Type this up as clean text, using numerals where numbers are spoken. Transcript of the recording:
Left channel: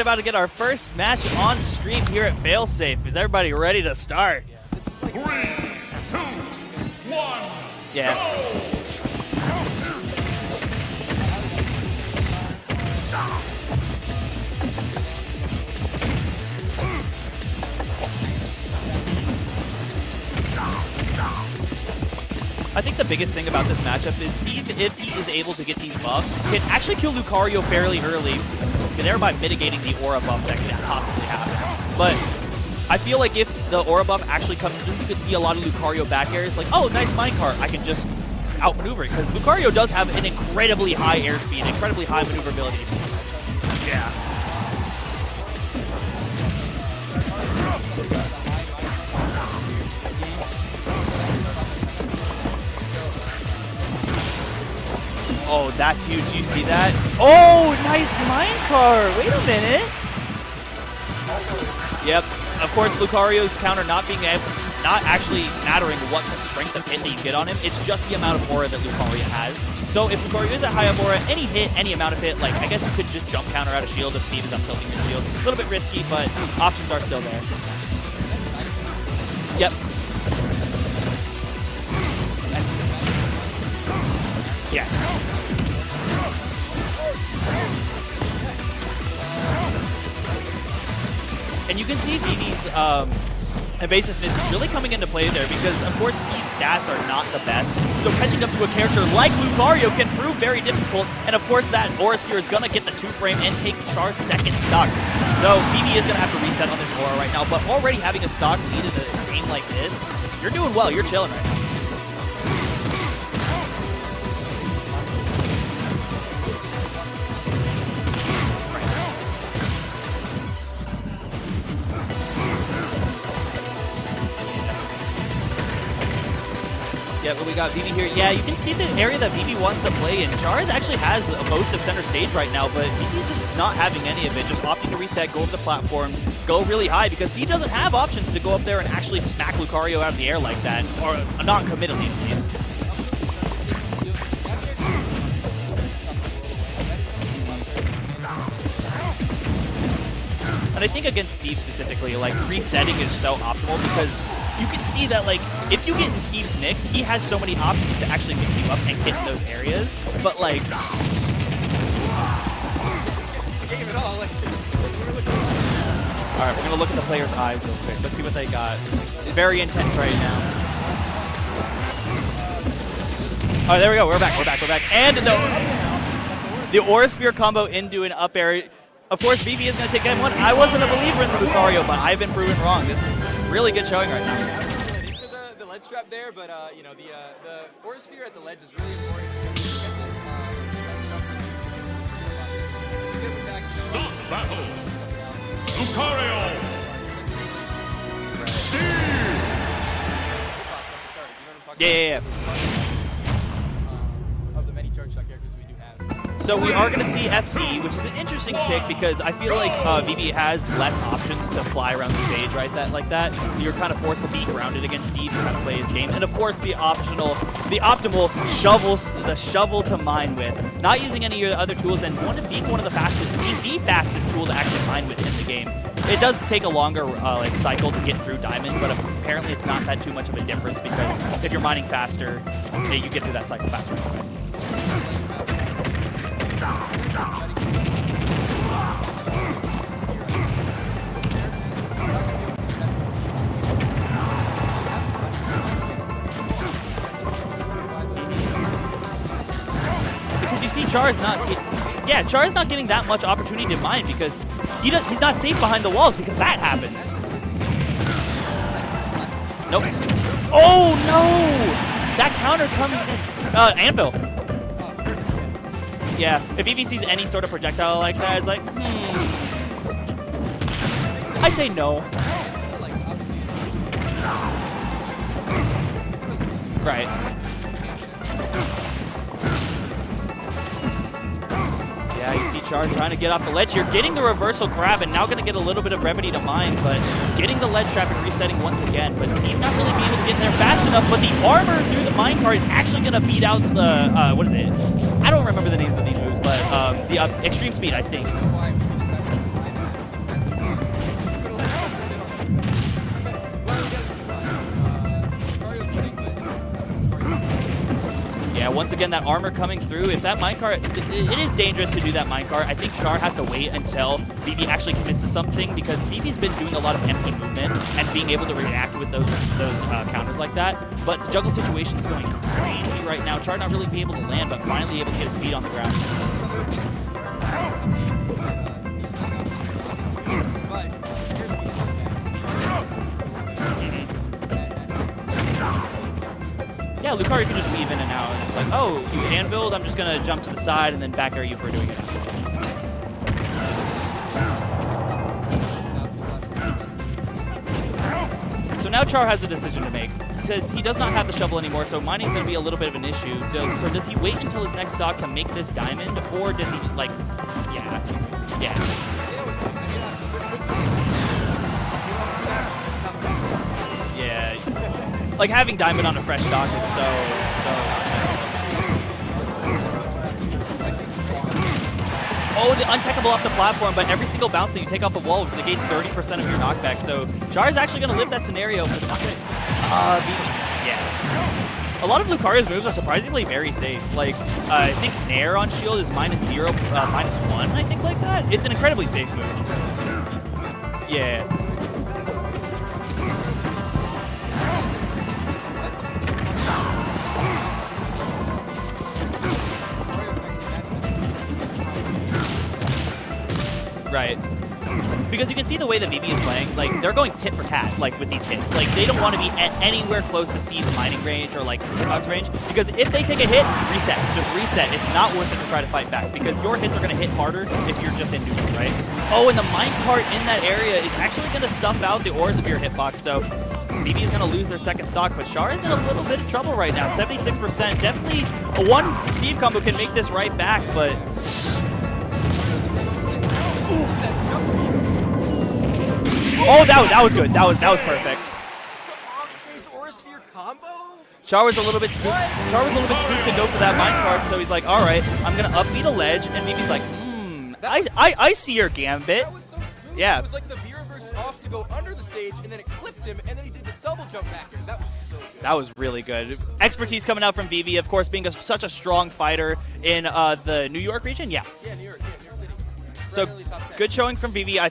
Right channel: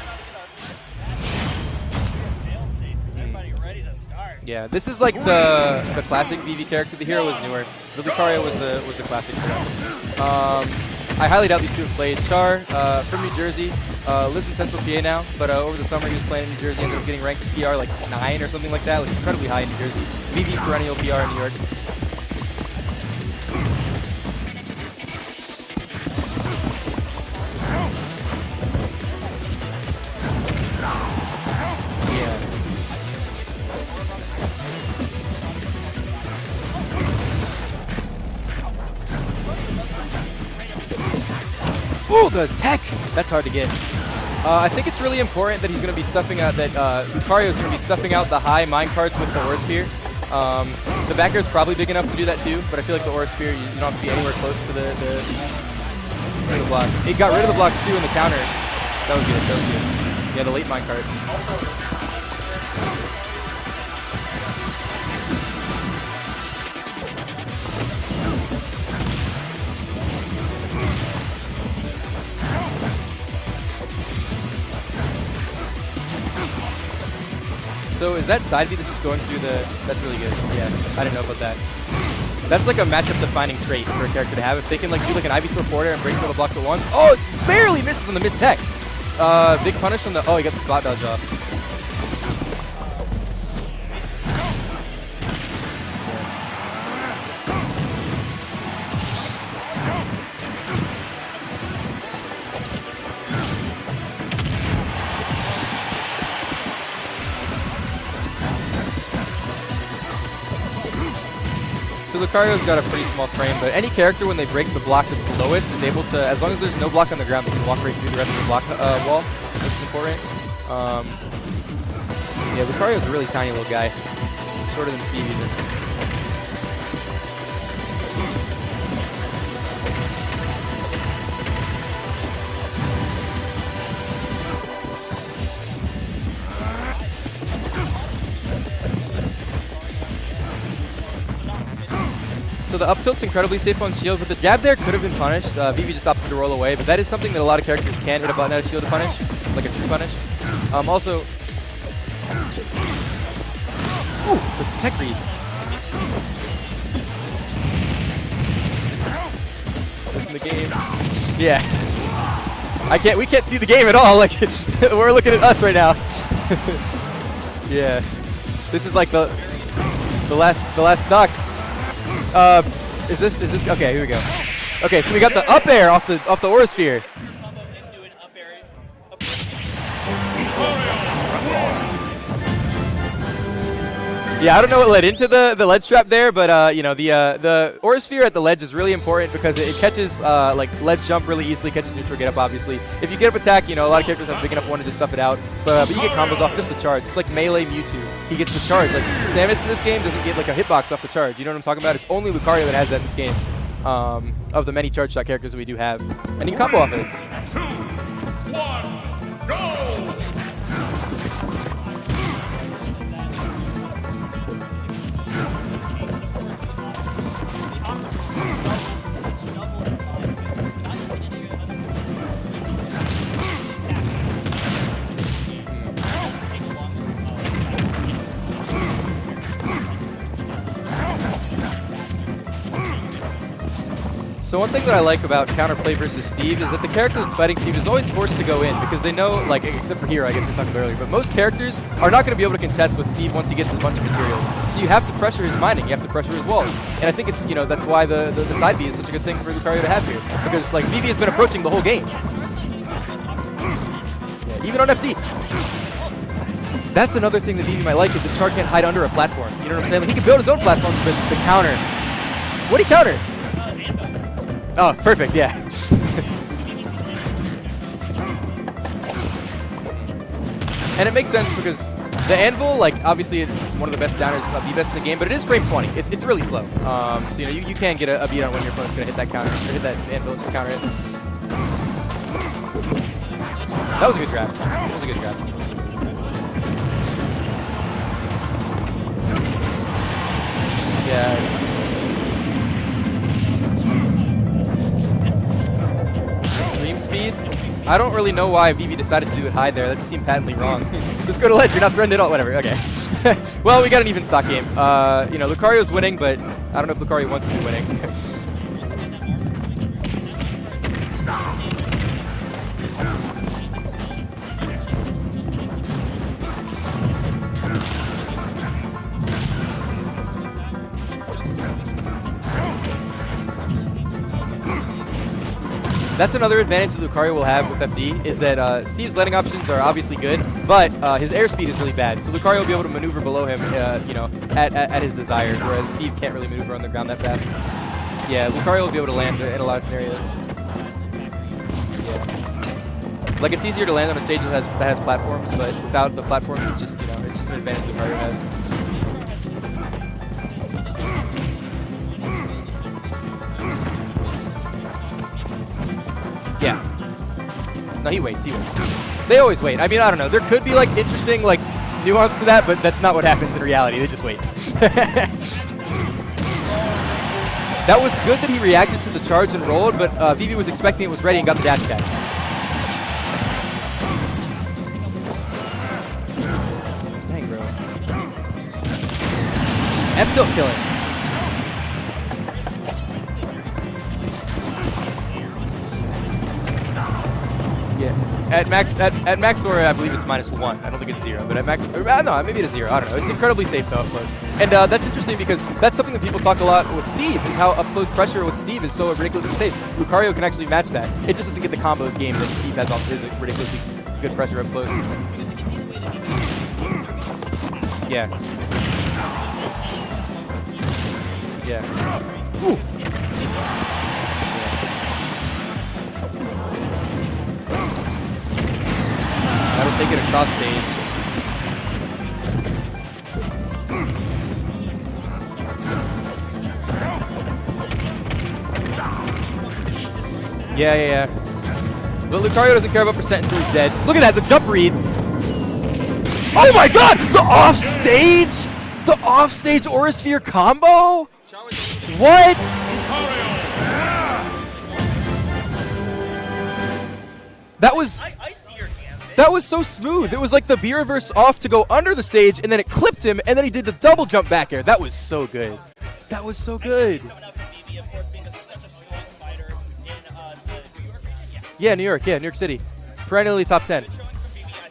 About to get our first match on stream here at Failsafe. Is everybody ready to start? Yeah, this is like the classic VV character. The hero was newer. Yeah. Lucario was the classic. I highly doubt these two have played. Char from New Jersey, lives in Central PA now, but over the summer he was playing in New Jersey. He was getting ranked PR like 9 or something like that, like incredibly high in New Jersey. VV perennial PR in New York. I think the biggest thing about this matchup is Steve, if he is able to get these buffs, can actually kill Lucario fairly early, thereby mitigating the aura buff that can possibly happen. But I feel like if the aura buff actually comes in, you can see a lot of Lucario back airs like, oh, nice minecart, I can just outmaneuver it. Because Lucario does have an incredibly high airspeed, incredibly high tech! That's hard to get. Yeah. I think it's really important that he's going to be stuffing out, that Lucario is going to be stuffing out the high minecarts with the Aura Sphere. The back air is probably big enough to do that too, but I feel like the Aura Sphere, you don't have to be anywhere close to the Oh, that's huge. You see that? It got rid of blocks too in the nice counter. minecart! Wait a minute. Yeah, the late minecart. Yep. Of course, Lucario's counter not actually mattering what strength of hit that you get on him. It's just the amount of aura that Lucario has. So if Lucario is at high up aura, any hit, any amount of hit, like I guess you could just jump counter out of shield if Steve's done something to you. A little bit risky, but options are still there. So is that side B that's just going through the... Yep. That's really good. Yeah, I didn't know about that. That's like a matchup-defining trait for a character to have. If they can like do like an Ivy Swift forward and break all the blocks at once. Oh, it barely misses on the missed tech. Big punish on the... Oh, he got the spot dodge off. And you can see DD's evasiveness really coming into play there because, of course, his stats are not the best. So catching up to a character like Lucario can prove very difficult. And, of course, that Aura Sphere is going to get the 2-frame and take Char's second stock. So BB is going to have to reset on this Aura right now. But already having a stock lead in this game like this, you're doing well. You're chilling right now. So Lucario's got a pretty small frame, but any character when they break the block that's the lowest is able to, as long as there's no block on the ground, they can walk right through the rest of the block wall. Yeah, Lucario's a really tiny little guy. Shorter than Stevie. Yeah, but we got BB here. Yeah, you can see the area that BB wants to play in. Charz actually has most of center stage right now, but he's just not having any of it. Just opting to reset, go up the platforms, go really high, because he doesn't have options to go up there and actually smack Lucario out of the air like that, or not committed to. So the up tilt's incredibly safe on shield, but the jab there could have been punished. BB just opted to roll away, but that is something that a lot of characters can hit a button out of shield to punish, like a true punish. But I think against Steve specifically, like, resetting is so optimal because you can see that, like, if you get Steve's mix, he has so many options to actually move up and hit those areas. But, like... Yeah. We can't see the game at all. Like, we're looking at us right now. Alright, so look at the players' eyes. Yeah. Let's see what they got. This is like the... Very intense right now. The last stock. Is this Oh, there we go. We're back. Okay, and so we got the up air off the Aura Sphere. The Aura Sphere combo into an up air. Of course, BB is going to take that one. I wasn't a believer in Lucario, but I've been proven wrong. This is really good showing right now. Yeah, I don't know what led into the ledge trap there, but you know, the Aura Sphere at the ledge is really important because it catches like ledge jump really easily, catches neutral get up obviously. If you get up attack, you know, a lot of characters have big enough one to just stuff it out, but you get combos off just the charge, just like melee Mewtwo. He gets the charge. Like Samus in this game doesn't get like a hitbox off the charge. You know what I'm talking about? It's only Lucario that has that in this game. Of the many charge shot characters that we do have. So we are going to see FT, which is an interesting pick because I feel like VV has less options to fly around the stage, right? Like that. You're kind of forced to be grounded against Steve to play his game. And of course the optimal shovel to mine with. Not using any of the other tools, and one of the fastest tool to actually mine with in the game. It does take a longer like cycle to get through diamonds, but apparently it's not that too much of a difference because if you're mining faster, you get through that cycle faster. So one thing that I like about counterplay versus Steve is that the character that's fighting Steve is always forced to go in because they know, like, except for here, I guess I talked earlier, but most characters are not going to be able to contest with Steve once he gets a bunch of materials. So you have to pressure his mining, you have to pressure his walls. And I think it's, you know, that's why the side B is such a good thing for Lucario to have here. Because, like, Char's been approaching the whole game. Yeah, Char's not getting that much opportunity to mine because even he's not safe behind the walls because that happens. That's another thing that BB might like is that Char can't hide under a platform. You know, and then he build his own platform. No! The counter. That counter. What did he counter? Anvil. Oh, perfect, yeah. Yeah, if EV sees any sort of projectile like that, it's like, And it makes sense. I say no. The Anvil, like, obviously it's one of the best downers, if not the best in the game, but it is frame 20. It's really slow. Right. So, you know, you can get a beat on when your opponent's going to hit that counter. Hit that Anvil, just counter it. Yeah, you see Charge trying to get off the ledge here, getting the reversal grab, and now going to get a little bit of brevity to mine, but getting the ledge trap and resetting once again. But Steve not really being able to get there fast enough, but the armor through the minecart is actually going to beat out the, what is it? I don't remember the names of these moves, but speed. Extreme speed. I don't really know why Vivi decided to do it high there. That just seemed patently wrong. Let's go to ledge. You're not threatened at all. Whatever. Okay. Well, we got an even stock game. You know, Lucario's winning, but I don't know if Lucario wants to be winning. Yeah, once again, that armor coming through. If that minecart, it is dangerous to do that minecart. I think Char has to wait until Vivi actually commits to something, because Vivi's been doing a lot of input movement and being able to react with those counters like that. But the juggle situation is going crazy right now. Char not really be able to land, but finally able to get his feet on the ground. That's another advantage that Lucario will have with FD, is that Steve's landing options are obviously good, but his airspeed is really bad. So Lucario will be able to maneuver below him, you know, at his desire, whereas Steve can't really maneuver on the ground. Yeah, like Lucario that. can just weave in and out. Yeah, Lucario will be able to land. Anvil, I'm just going to jump to the side and then back air you for a Like, it's easier to land on a stage that has platforms, but without the platforms, it's just, you know, it's just an advantage Lucario has. So now Char has a decision to make. Since he does not have the shovel anymore, so mining is going to be a little bit of an issue. So does he wait until his next stock to make this diamond, or does he, like, No, he waits. Yeah. They always wait. I mean, I don't know. There could be, like, interesting, like, nuance to that, but that's not what happens in reality. They just wait. Like, having diamond on a fresh stock is so... That was good that he reacted to the charge and rolled, but Vivi was expecting it was ready and got the dash attack. Oh, the untechable off the platform, but every single bounce that you take off the wall negates 30% of your knockback, so Char is actually going to live that scenario. F-tilt killing. Yeah. A lot of Lucario's moves are surprisingly very safe. Like, I think Nair on shield is -0, -1, I think, like that. At max Aura, I believe it's -1. I don't think it's 0, but at max, no, maybe it's 0. I don't know. It's incredibly safe, though, of course. And that's interesting because that's something that people talk a lot with Steve, is how up-close pressure with Steve is so ridiculously safe. Lucario can actually match that. It just doesn't get the combo game that Steve has on ridiculously pressure up close. Because you can see the way that Vivi is playing, like, they're going tit for tat, like, with these hits. Like, they don't want to be anywhere close to Steve's mining range or, like, his dodge range, because if they take a hit, reset. Just reset. It's not worth it to try to fight back, because your hits are going to hit harder if you're just in between, right? Oh, and the minecart in that area is actually going to stuff out the Aura Sphere hitbox, so Vivi is going to lose their second stock, but Char is in a little bit of trouble right now. 76%. Definitely one Steve combo can make this right back. Yeah. But Lucario doesn't care about percent until he's dead. Look at that, the jump read. Oh my god, the offstage? The offstage Aura Sphere combo? Char was a little bit What? Char was a little bit to go for that minecart, so he's like, alright, I'm going to upbeat a ledge, and Vivi's like, I see your gambit. That was so smooth. Yeah. It was like the B-reverse off to go under the stage, and then it clipped him, and then he did the double jump back air. That was so good. That was really good. That was so good. Expertise coming out from Vivi, of course, being such a strong fighter in the New York region. Yeah. Yeah, New York City. Perennially top 10. Good showing from Vivi.